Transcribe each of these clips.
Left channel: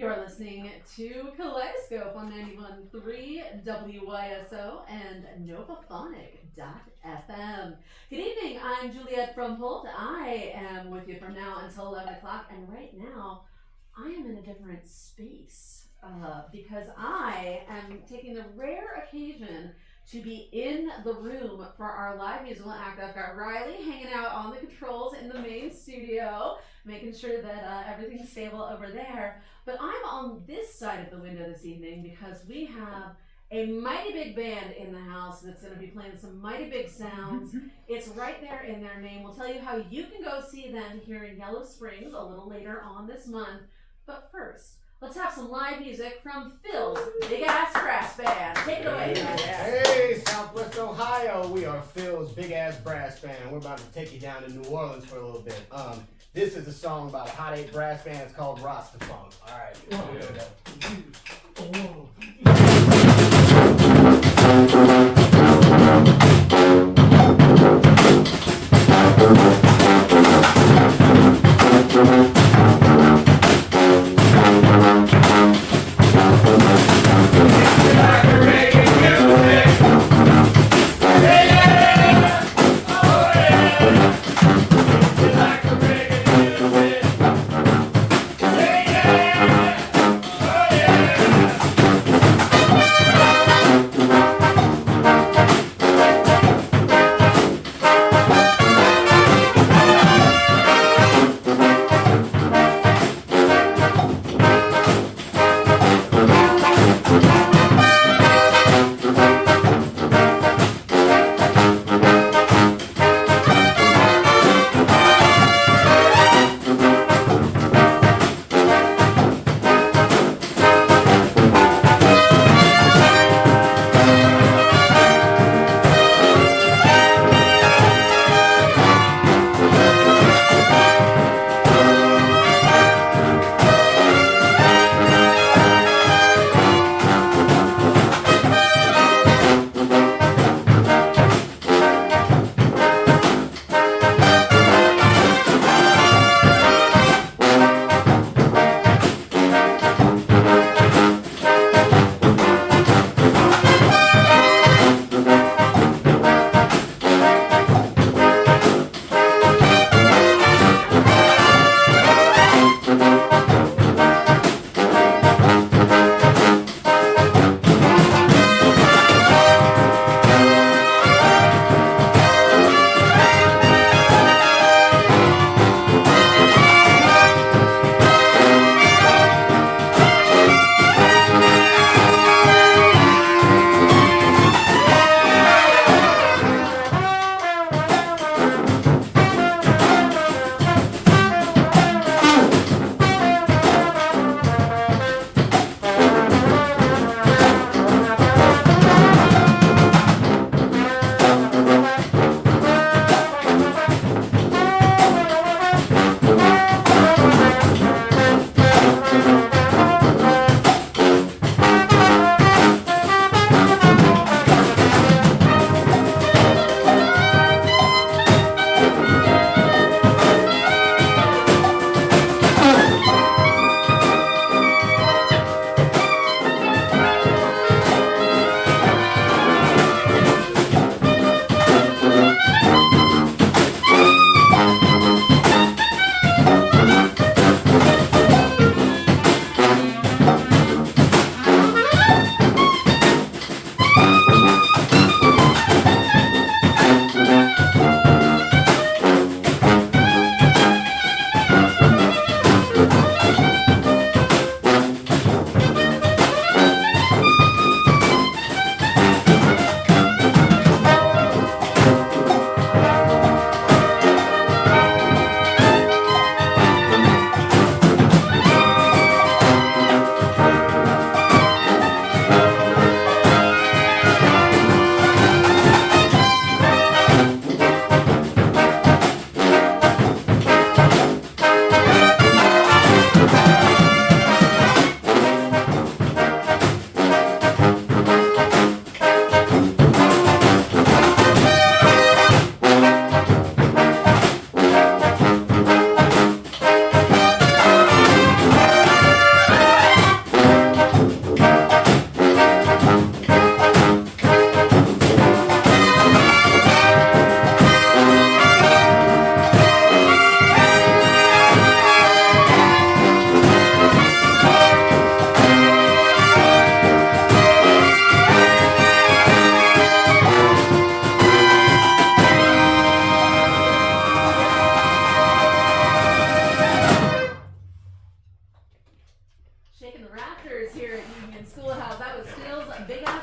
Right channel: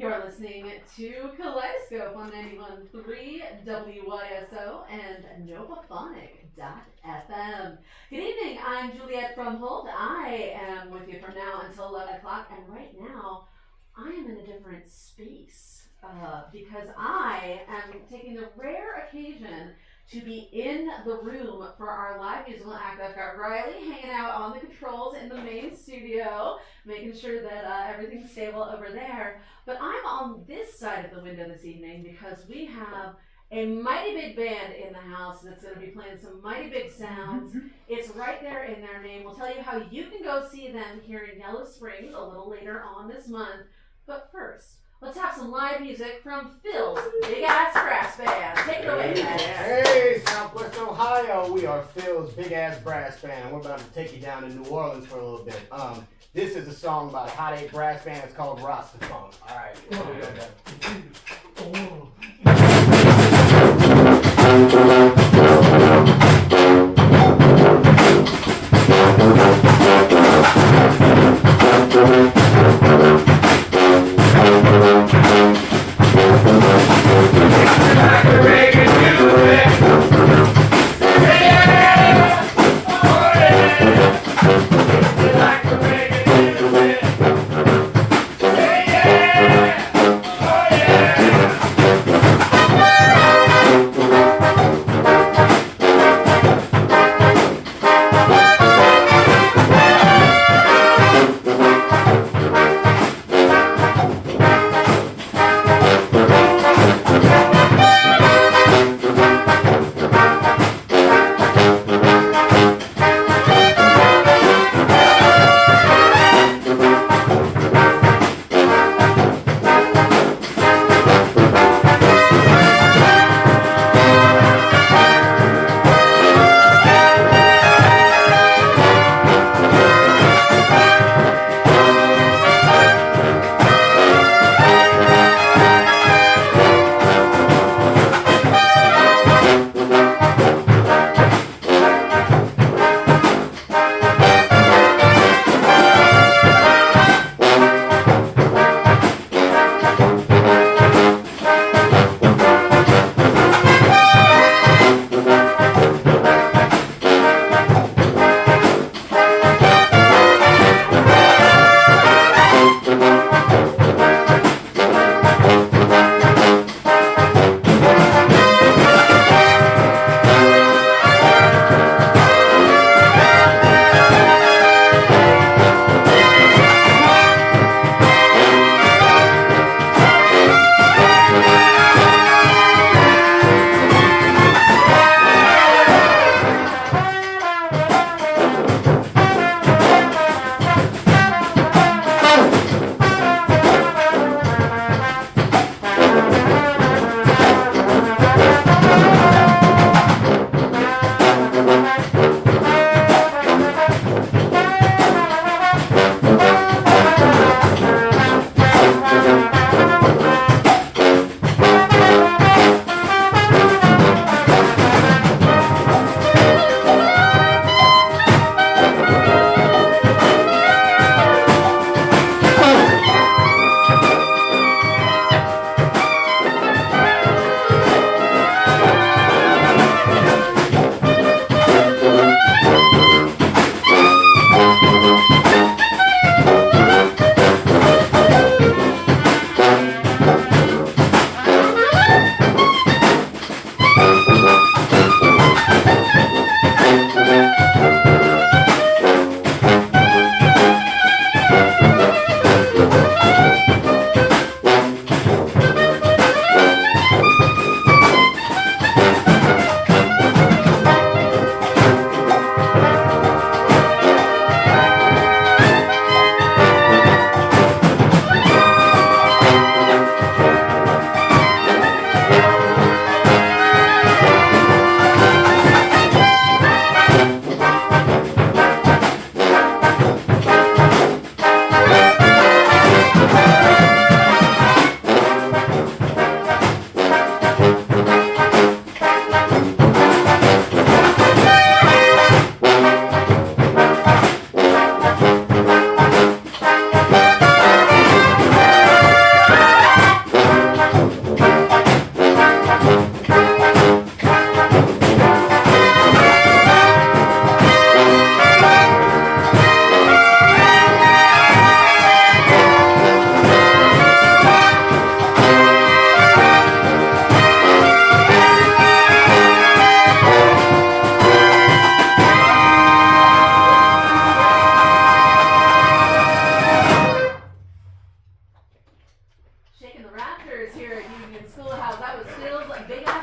You're listening to Kaleidoscope on 91.3 WYSO and Novaphonic.fm. Good evening, I'm Juliet from Holt. I am with you from now until 11 o'clock, and right now I am in a different space because I am taking the rare occasion to be in the room for our live musical act. I've got Riley hanging out on the controls in the main studio, making sure that everything's stable over there. But I'm on this side of the window this evening because we have a mighty big band in the house that's going to be playing some mighty big sounds. It's right there in their name. We'll tell you how you can go see them here in Yellow Springs a little later on this month. But first, let's have some live music from Phil's Big Ass Brass Band. Take it away, guys. Hey, Southwest Ohio. We are Phil's Big Ass Brass Band. We're about to take you down to New Orleans for a little bit. This is a song by a Hot 8 Brass Band. It's called Rasta Funk. All right.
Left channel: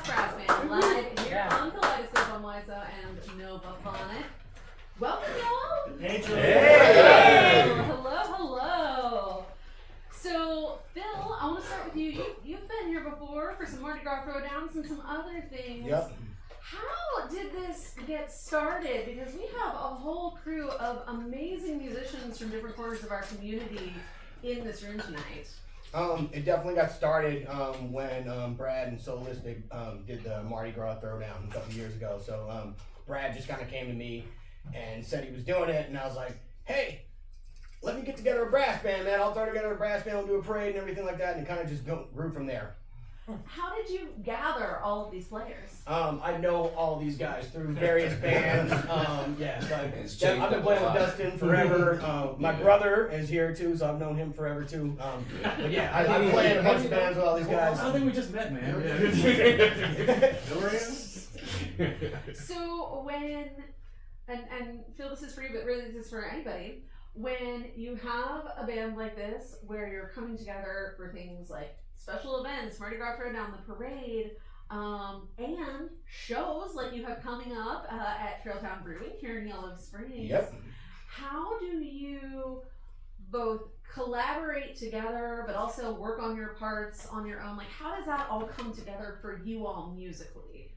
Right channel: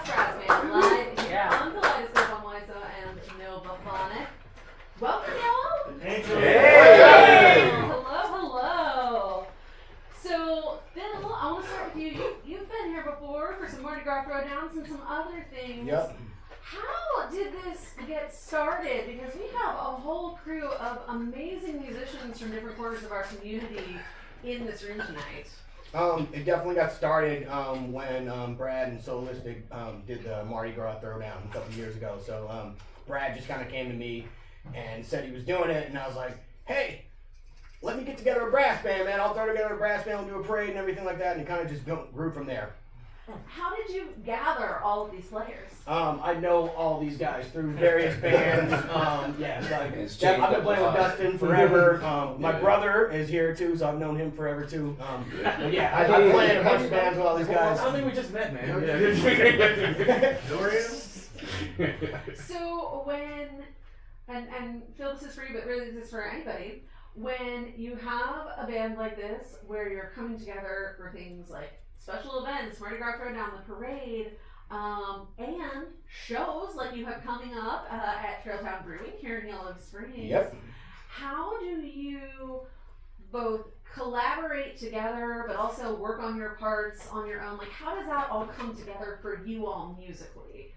Brass Band live here on Kaleidoscope on WYSO and Novaphonic. Welcome, y'all. Hey. Hello. So, Phil, I want to start with you. You've been here before for some Mardi Gras throwdowns and some other things. Yep. How did this get started? Because we have a whole crew of amazing musicians from different corners of our community in this room tonight. It definitely got started when Brad and Solistic did the Mardi Gras throwdown a couple years ago. So Brad just kind of came to me and said he was doing it, and I was like, hey, let me get together a brass band, man. I'll throw together a brass band, we'll do a parade and everything like that, and it kind of just grew from there. How did you gather all of these players? I know all these guys through various bands. I've been playing with Dustin forever. My brother is here too, so I've known him forever too. I've played in a bunch of bands with all these guys. I don't think we just met, man. So when, and Phil, this is for you, but really this is for anybody, when you have a band like this where you're coming together for things like special events, Mardi Gras Throwdown, the parade, and shows like you have coming up at Trailtown Brewing here in Yellow Springs. Yep. How do you both collaborate together but also work on your parts on your own? Like, how does that all come together for you all musically?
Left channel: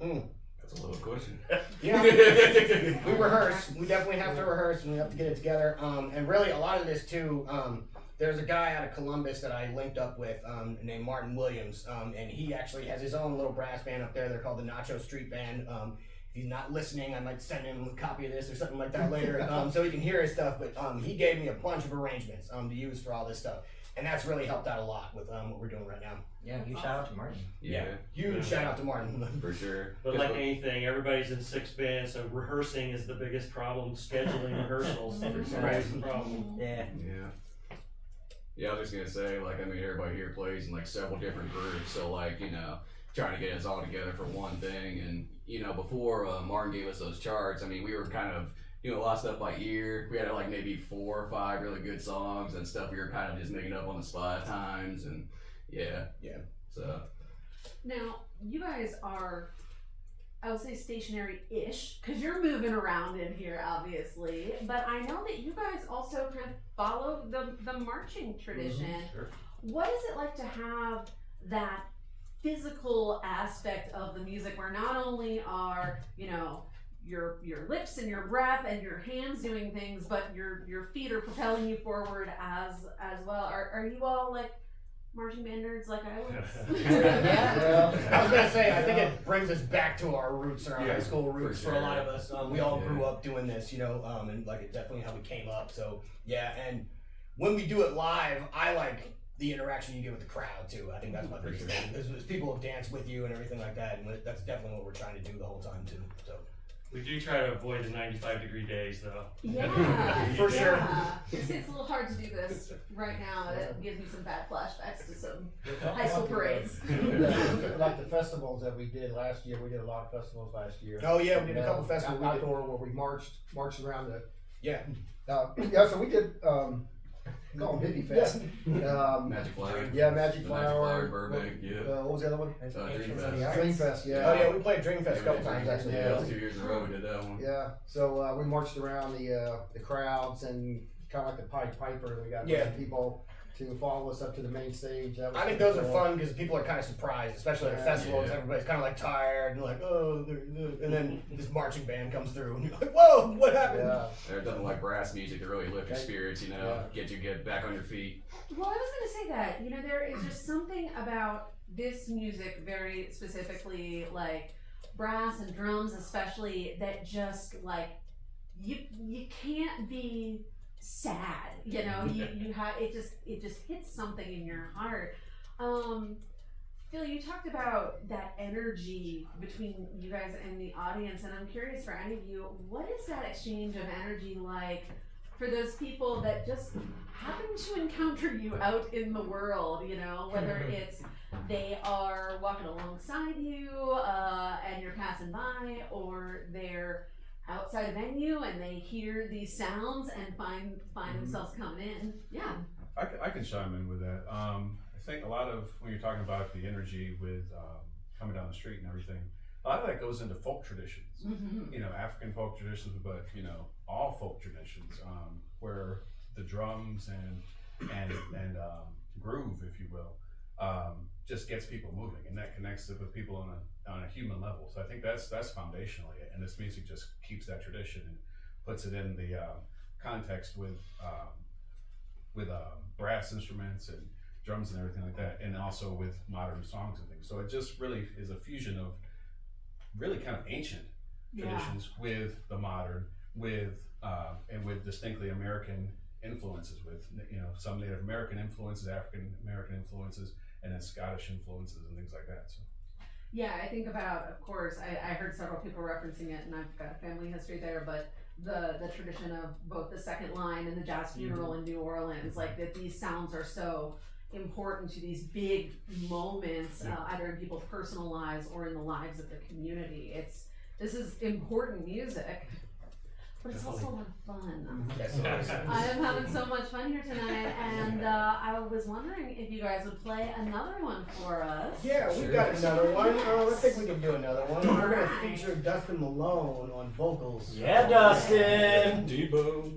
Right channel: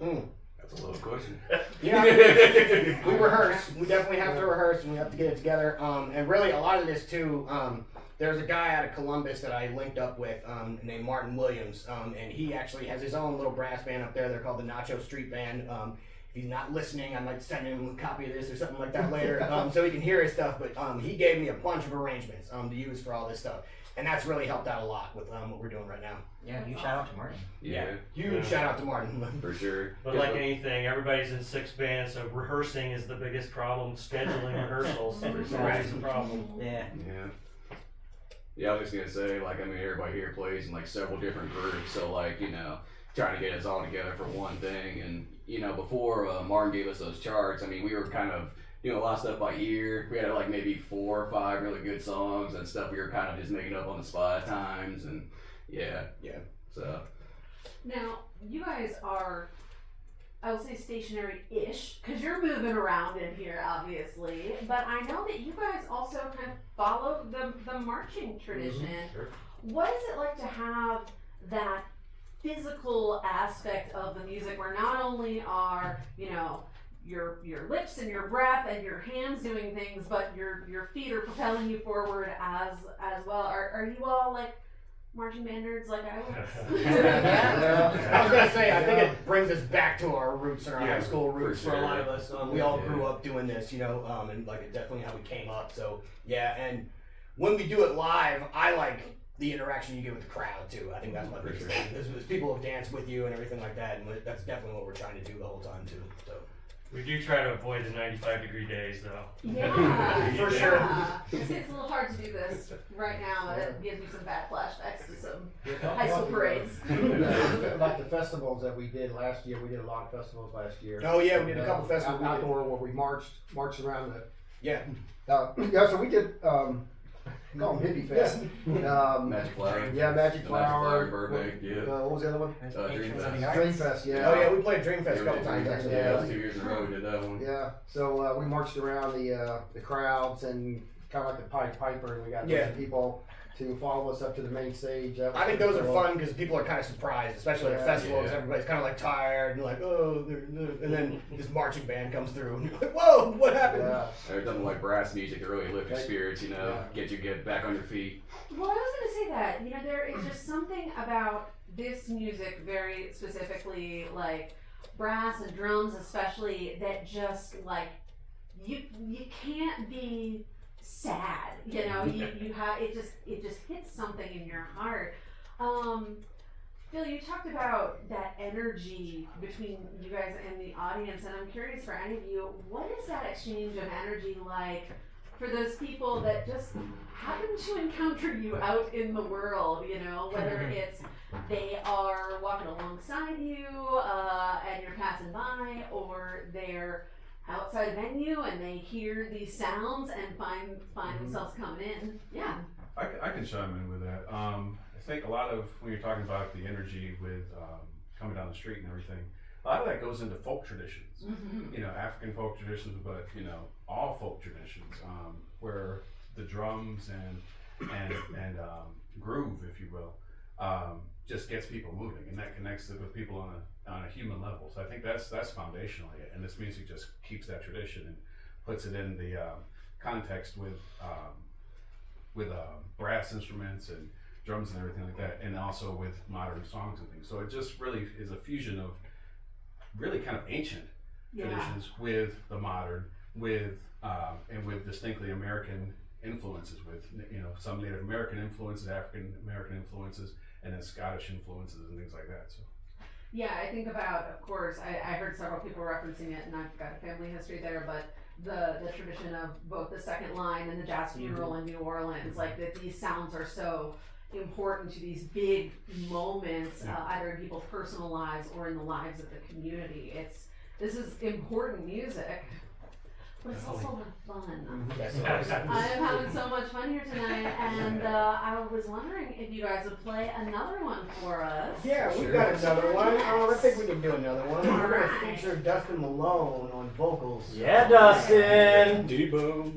That's a little question. Yeah, we rehearse. We definitely have to rehearse, and we have to get it together. And really, a lot of this too. There's a guy out of Columbus that I linked up with named Martin Williams, and he actually has his own little brass band up there. They're called the Nacho Street Band. If he's not listening, I might send him a copy of this or something like that later, so he can hear his stuff. But he gave me a bunch of arrangements to use for all this stuff, and that's really helped out a lot with what we're doing right now. Yeah, huge shout out to Martin. Huge shout out to Martin. For sure. But like anything, everybody's in 6 bands, so rehearsing is the biggest problem. Scheduling rehearsals is always the problem. Yeah, I was just gonna say, like, I mean, everybody here plays in like several different groups, so like, you know, trying to get us all together for one thing. And you know, before Martin gave us those charts, I mean, we were kind of doing a lot of stuff by ear. We had like maybe 4 or 5 really good songs and stuff we were kind of just making up on the spot at times, and so. Now, you guys are, I would say stationary-ish, because you're moving around in here, obviously. But I know that you guys also kind of follow the marching tradition. Sure. What is it like to have that physical aspect of the music where not only are, you know, your lips and your breath and your hands doing things, but your feet are propelling you forward as well? Are you all like marching band nerds like I was? I was gonna say, I think it brings us back to our roots and our high school roots for a lot of us. We all grew up doing this, you know, and like it's definitely how we came up. So yeah, and when we do it live, I like the interaction you get with the crowd too. I think that's my biggest thing. There's people who dance with you and everything like that, and that's definitely what we're trying to do the whole time too. So. We do try to avoid the 95-degree days, though. Yeah, For sure. It's a little hard to do this right now. It gives me some bad flashbacks to some high school parades. Like the festivals that we did last year, we did a lot of festivals last year. Oh yeah, we did a couple festivals. Outdoor where we marched around the. Yeah. So we did. Call them Hippie Fest. Magic Flower. Yeah, Magic The Flower. Burbank, What was the other one? Dream Fest. Dream Fest. Yeah. Oh yeah, we played Dream Fest a couple times actually. Yeah, that was 2 years in a row we did that one. Yeah. So we marched around the crowds and kind of like the Pied Piper, and we got different people to follow us up to the main stage. I think those are fun because people are kind of surprised, especially at festivals. Yeah. Everybody's kind of like tired and like, oh, and then this marching band comes through and you're like, whoa, what happened? Yeah. There's nothing like brass music to really lift your spirits, you know, get back on your feet. Well, I was going to say that, you know, there is just something about this music, very specifically, like brass and drums especially, that just like, you can't be sad, you know, you have, it just hits something in your heart. Phil, you talked about that energy between you guys and the audience, and I'm curious for any of you, what is that exchange of energy like for those people that just happen to encounter you out in the world, you know, whether it's they are walking alongside you and you're passing by, or they're outside a venue and they hear these sounds and find themselves coming in. Yeah. I can chime in with that. I think a lot of when you're talking about the energy with coming down the street and everything. A lot of that goes into folk traditions, you know, African folk traditions, but you know, all folk traditions, where the drums and groove, if you will, just gets people moving, and that connects it with people on a human level. So I think that's foundationally it, and this music just keeps that tradition and puts it in the context with brass instruments and drums and everything like that, and also with modern songs and things. So it just really is a fusion of really kind of ancient traditions with the modern, with and with distinctly American influences, with, you know, some Native American influences, African American influences, and then Scottish influences and things like that. So Yeah, I think about, of course, I heard several people referencing it, and I've got a family history there, but the tradition of both the second line and the jazz funeral in New Orleans, like that these sounds are so important to these big moments, either in people's personal lives or in the lives of the community. This is important music, but it's also a lot of fun. I am having so much fun here tonight, and I was wondering if you guys would play another one for us. Yeah, we got another one. I think we can do another one. We're going to feature Dustin Malone on vocals. Yeah, Dustin. Debo.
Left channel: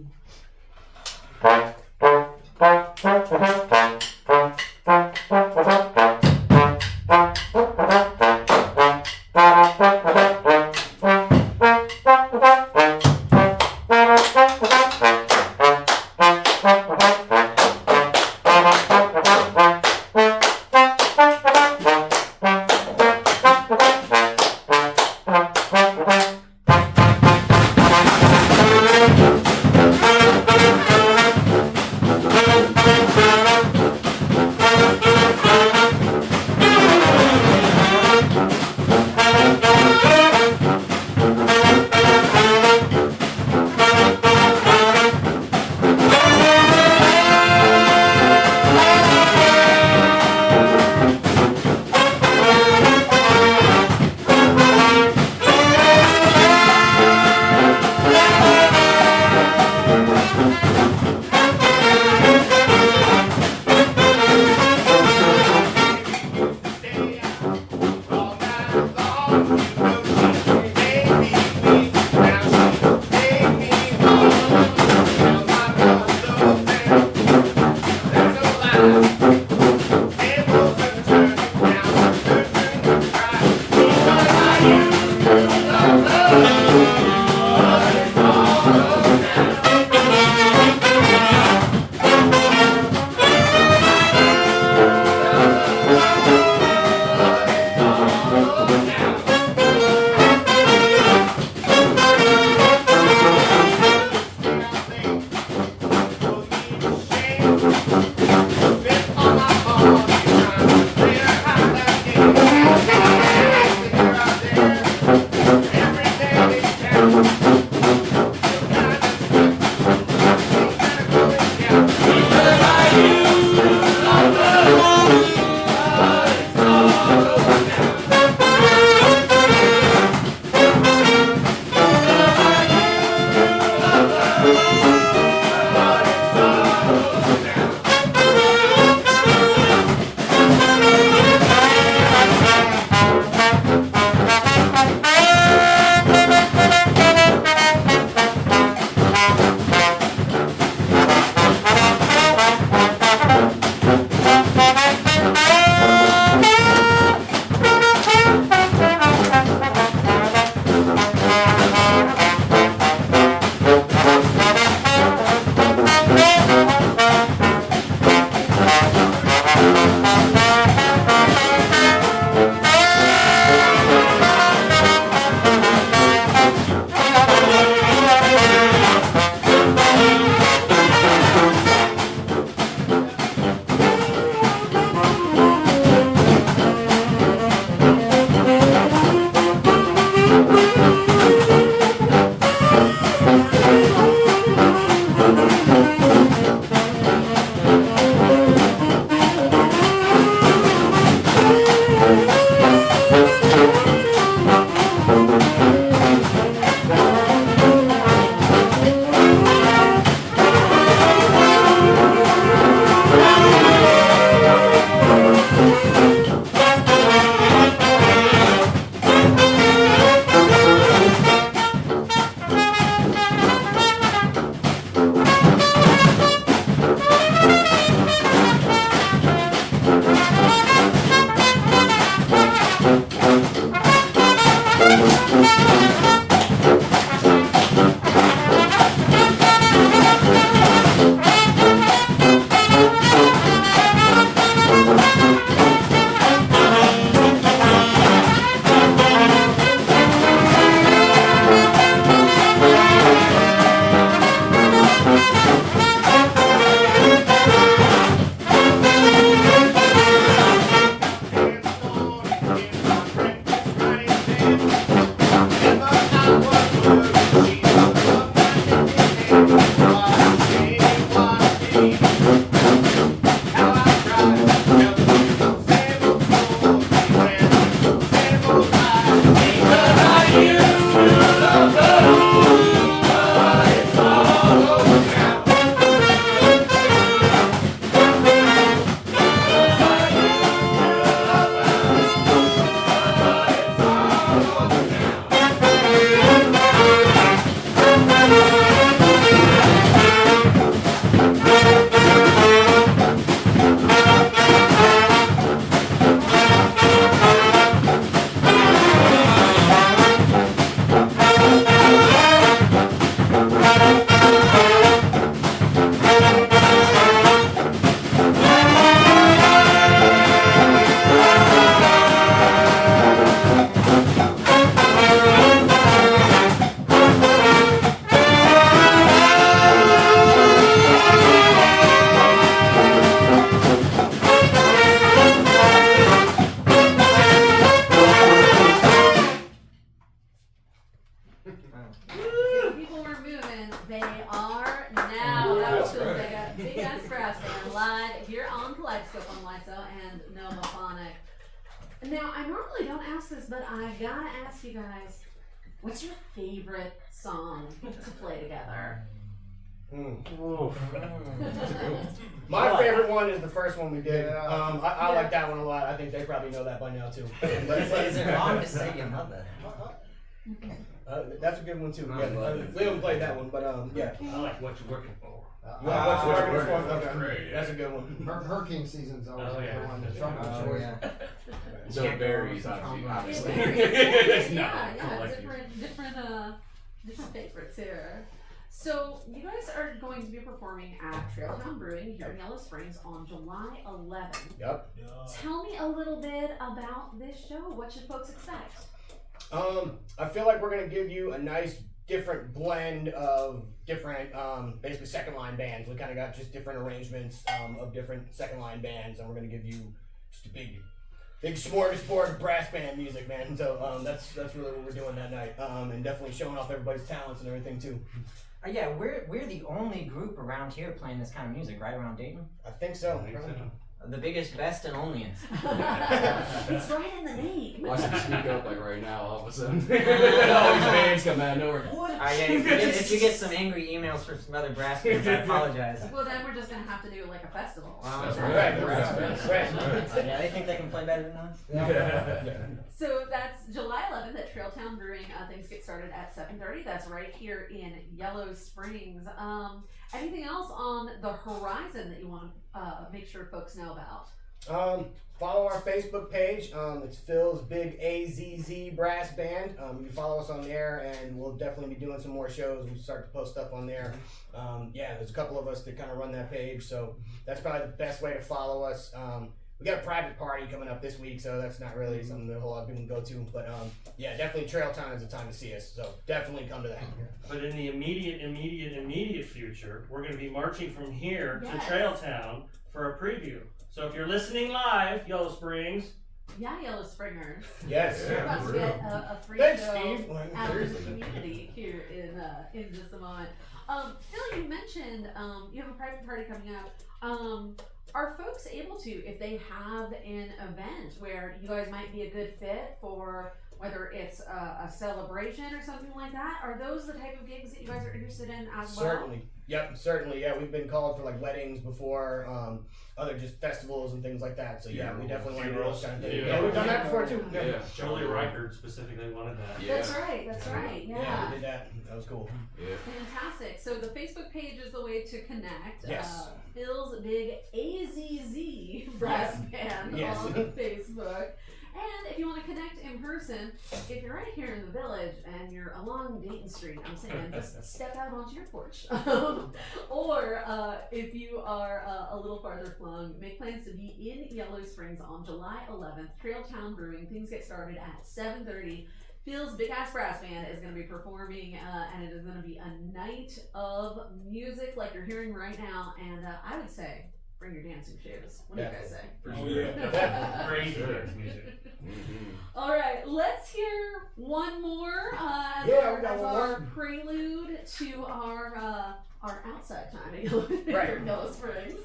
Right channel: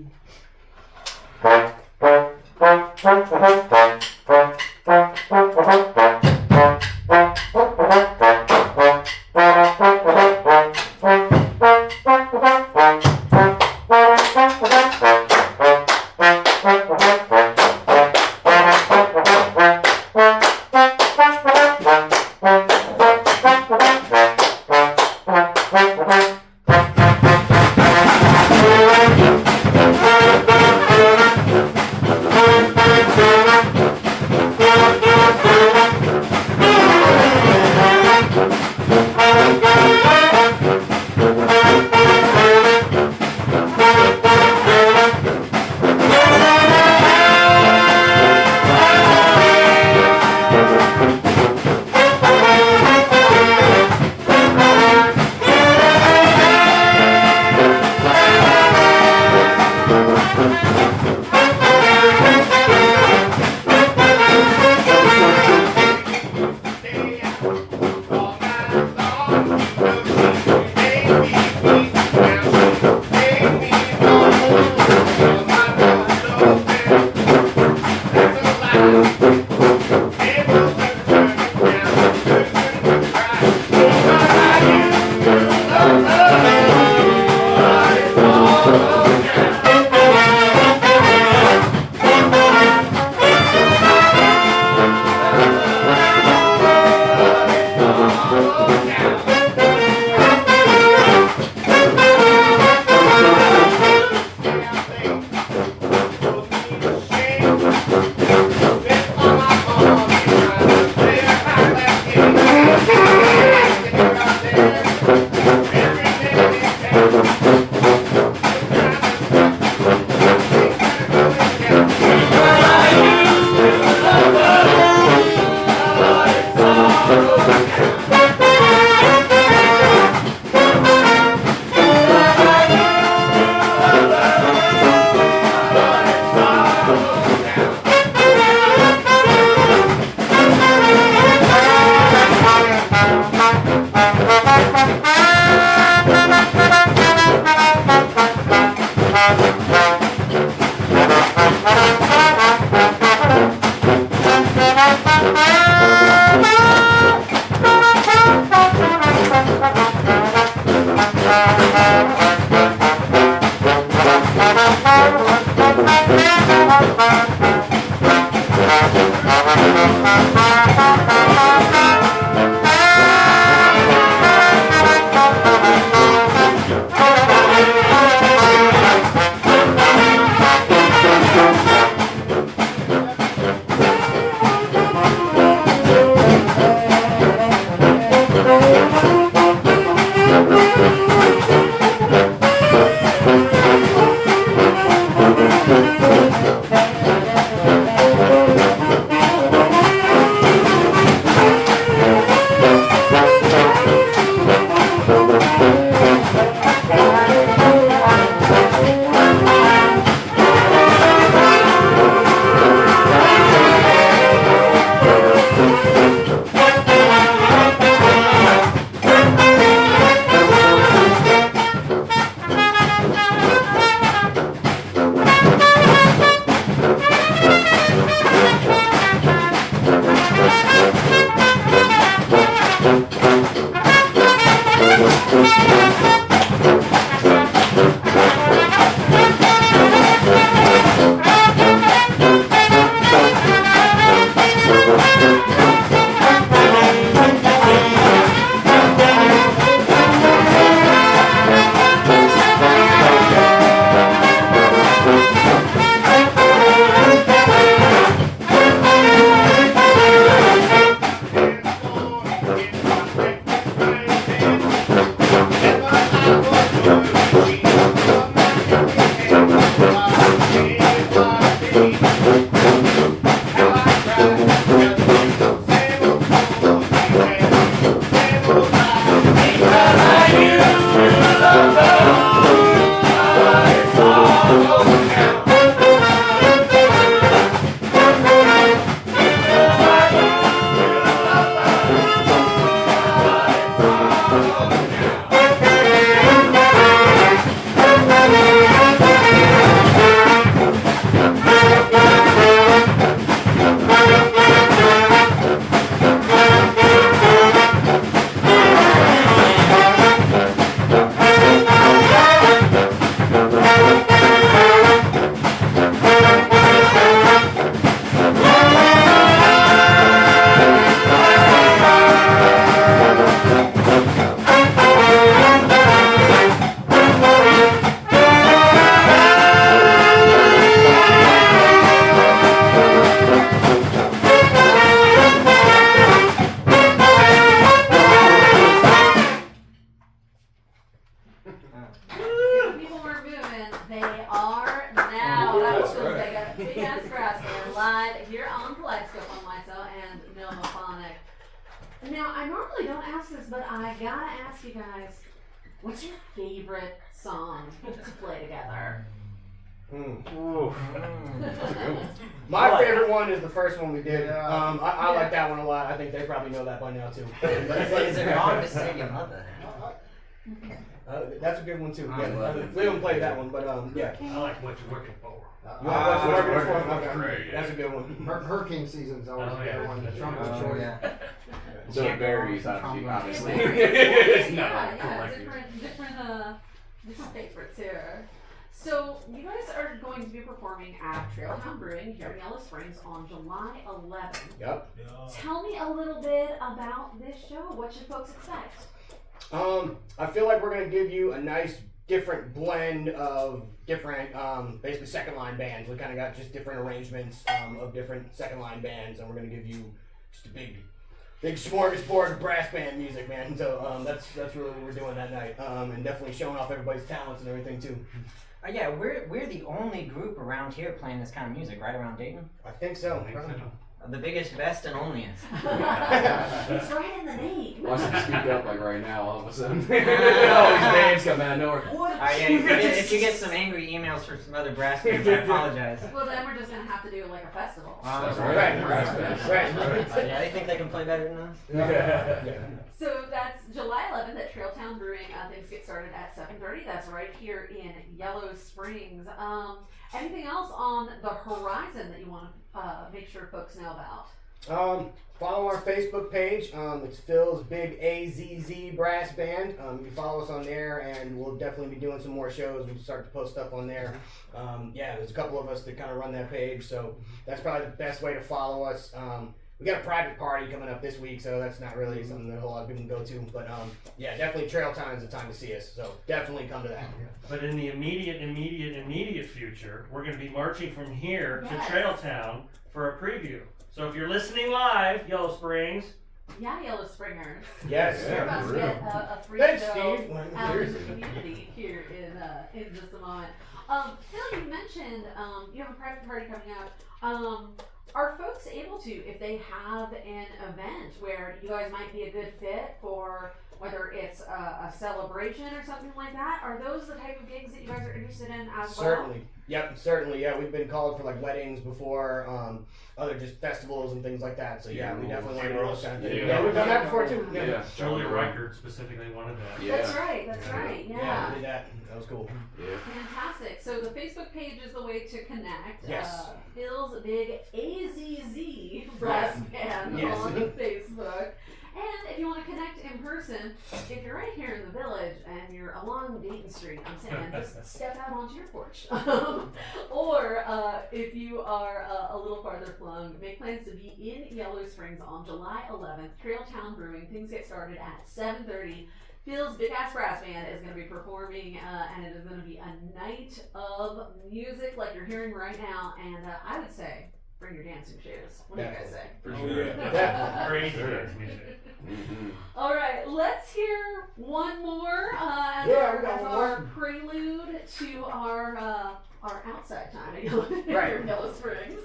People were moving. They are now. That was cool. They got a big ass grass band live here on Kaleidoscope on WYSO and Nomophonic. Now, I normally don't ask this, but I gotta ask you guys, what's your favorite song to play together? My favorite one is the first one we did. Yeah. I like that one a lot. I think they probably know that by now too. Is it wrong to say your mother? That's a good one too. I love it. We haven't played that one, but yeah. I like what you're looking for. You want what's What's the Working one? For is Okay. great, yeah. That's a good one. Hurricane season's always Oh, a yeah. good one. The trumpet Oh, choice. yeah. So it varies, obviously. It varies. It's not Yeah, collective. different favorites here. So you guys are going to be performing at Trailtown Brewing here in Yellow Springs on July 11th. Yep. Tell me a little bit about this show. What should folks expect? I feel like we're gonna give you a nice different blend of different basically second line bands. We kind of got just different arrangements of different second line bands, and we're gonna give you just a big smorgasbord of brass band music, man. So that's really what we're doing that night, and definitely showing off everybody's talents and everything too. Yeah, we're the only group around here playing this kind of music, right around Dayton. I think so. The biggest, best, and onliest. It's right in the name. Watch them speak up like right now all of a sudden. All these bands come out of nowhere. What? If you get some angry emails from some other brass bands, I apologize. Well, then we're just gonna have to do like a festival. That's Right. right. Brass bands. Right. Yeah, they think they can play better than us. So that's July 11th at Trailtown Brewing. Things get started at 7:30. That's right here in Yellow Springs. Anything else on the horizon that you want to make sure folks know about? Follow our Facebook page. It's Phil's Big AZZ Brass Band. You follow us on there, and we'll definitely be doing some more shows. We start to post stuff on there. Yeah, there's a couple of us that kind of run that page, so that's probably the best way to follow us. We got a private party coming up this week, so that's not really something that a whole lot of people can go to. But yeah, definitely Trail Time is the time to see us. So definitely come to that. But in the immediate future, we're going to be marching from here Yes. to Trailtown for a preview. So if you're listening live, Yellow Springs, Yeah, Yellow Springers. Yes. We're about to get a free Thanks, show Steve. out in the community here in just a moment. Phil, you mentioned you have a private party coming up. Are folks able to, if they have an event where you guys might be a good fit for, whether it's a celebration or something like that, are those the type of gigs that you guys are interested in as well? Certainly. Yep, certainly. Yeah, we've been called for like weddings before, other just festivals and things like that. So yeah, we definitely want to do those kind of things. Yeah. Yeah, we've done that before too. Yeah. Julia Reichert specifically wanted that. Yeah. That's right, Yeah, yeah. we did that. That was cool. Yeah. Fantastic. So the Facebook page is the way to connect. Yes. Phil's Big AZZ Brass Band Yes. on Facebook. And if you want to connect in person, if you're right here in the village and you're along Dayton Street, I'm saying just step out onto your porch. Or if you are a little farther flung, make plans to be in Yellow Springs on July 11th. Trailtown Brewing. Things get started at 7:30. Phil's Big Ass Brass Band is going to be performing, and it is going to be a night of music like you're hearing right now. And I would say, bring your dancing shoes. What do you guys say? For Yeah. Crazy dance music. All right, let's hear one more as, Yeah, our, we got as one our more. prelude to our outside time at Yellow, Right. Yellow Springs.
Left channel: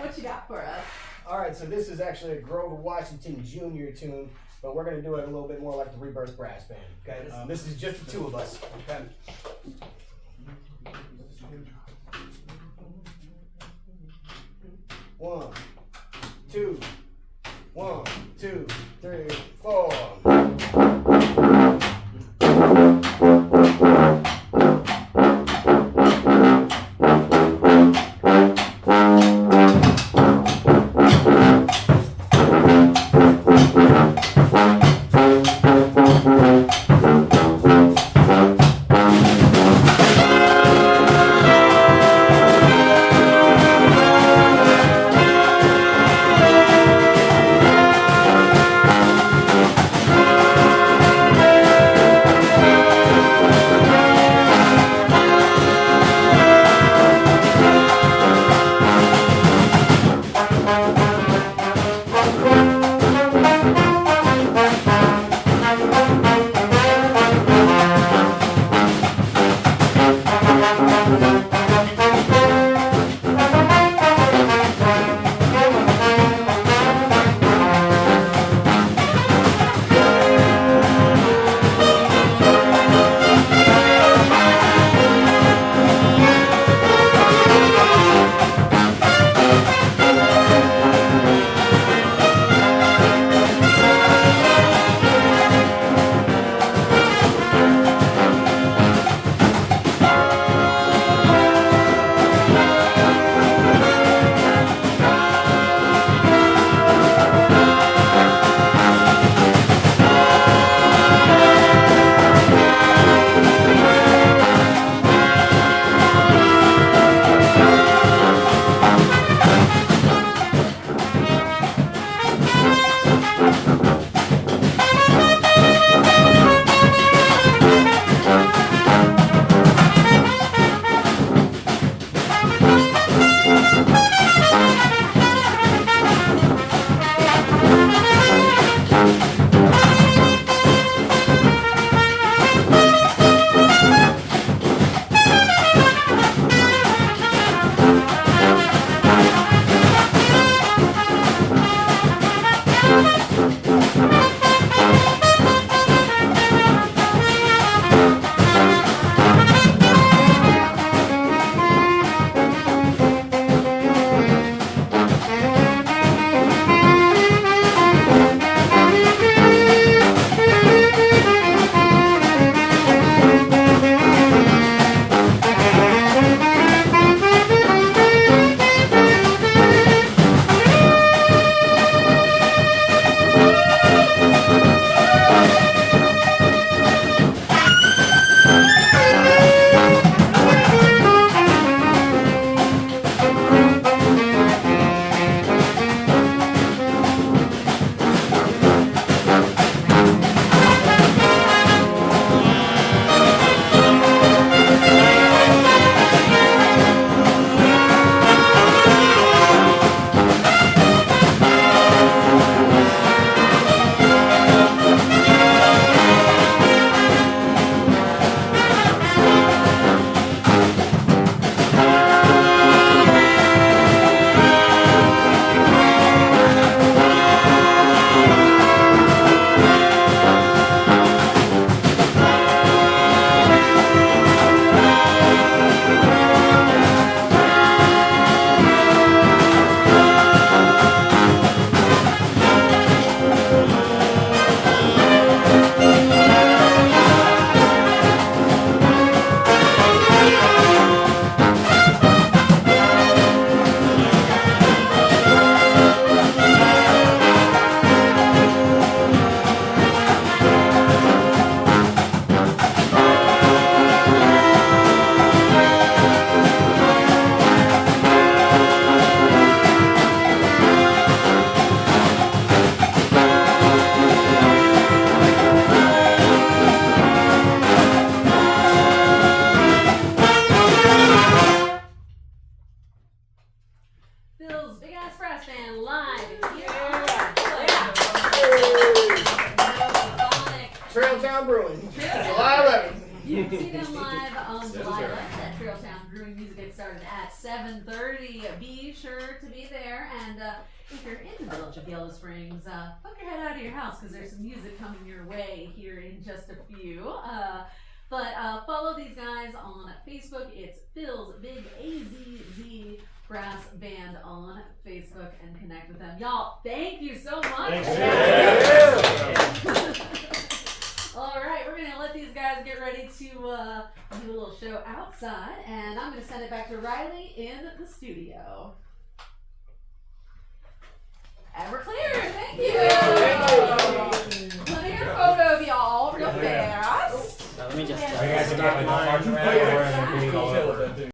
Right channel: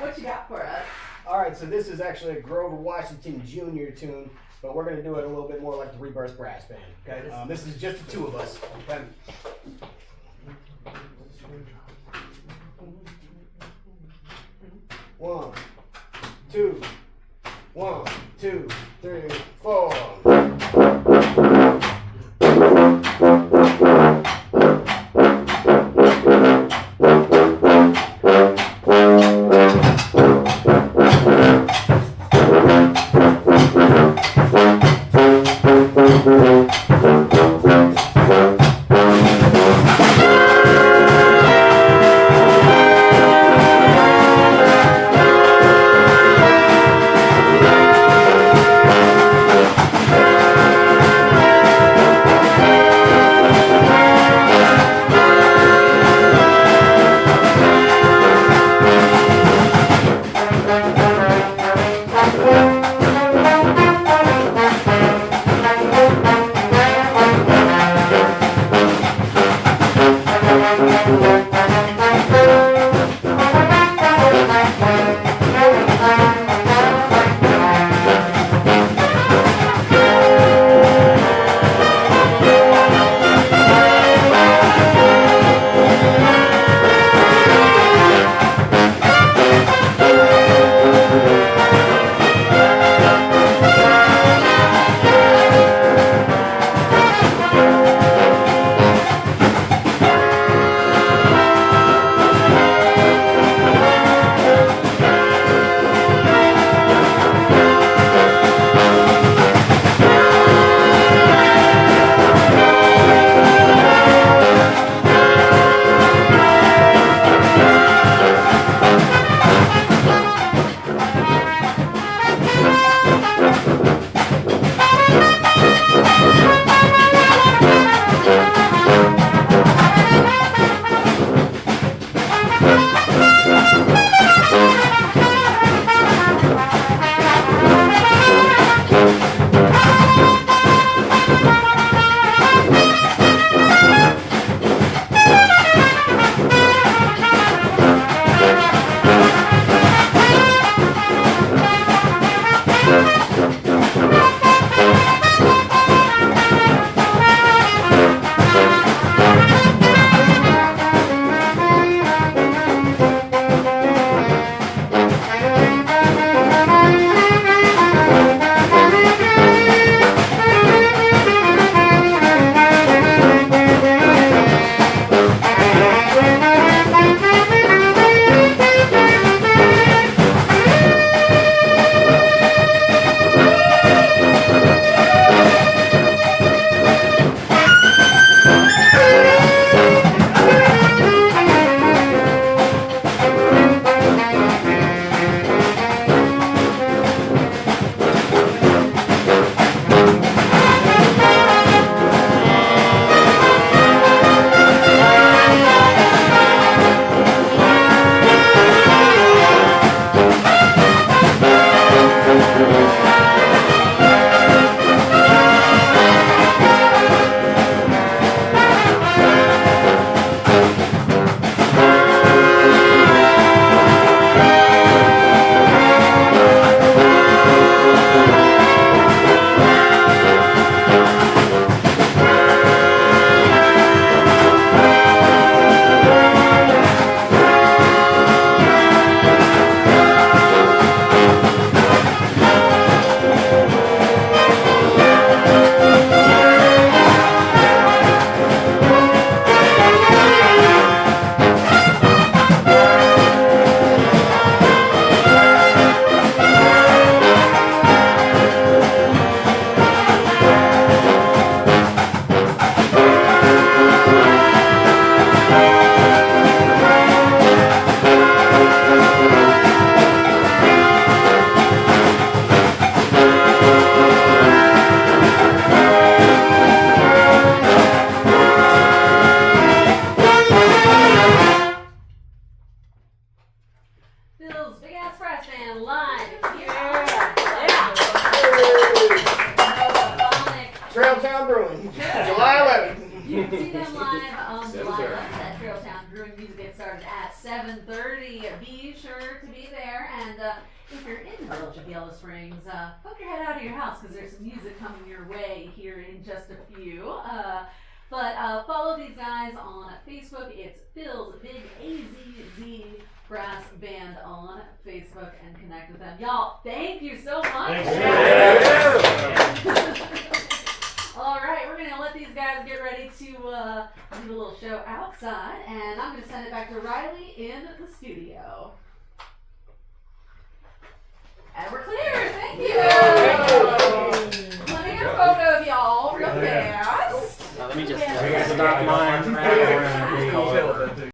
What you got for us? All right, so this is actually a Grover Washington Jr. tune, but we're gonna do it a little bit more like the Rebirth Brass Band. Okay, this is just the two of us. Okay. One, two, 1, 2, 3, 4. Trailtown Brewing, July 11th. You can see them live on July 7:30. 11th at Trailtown Brewing. Music gets started at 7:30. Be sure to be there. And if you're in Yellow Springs, poke your head out of your house because there's some music coming your way here in just a few. But follow these guys on Facebook. It's Phil's Big AZZ Brass Band on Facebook and connect with them. Y'all, thank you so much. All right, we're gonna let these guys get ready to do a little show outside, and I'm gonna send it back to Riley in the studio. And we're clear. Thank you. Let me get a photo of y'all real fast. Now let me just stop mine.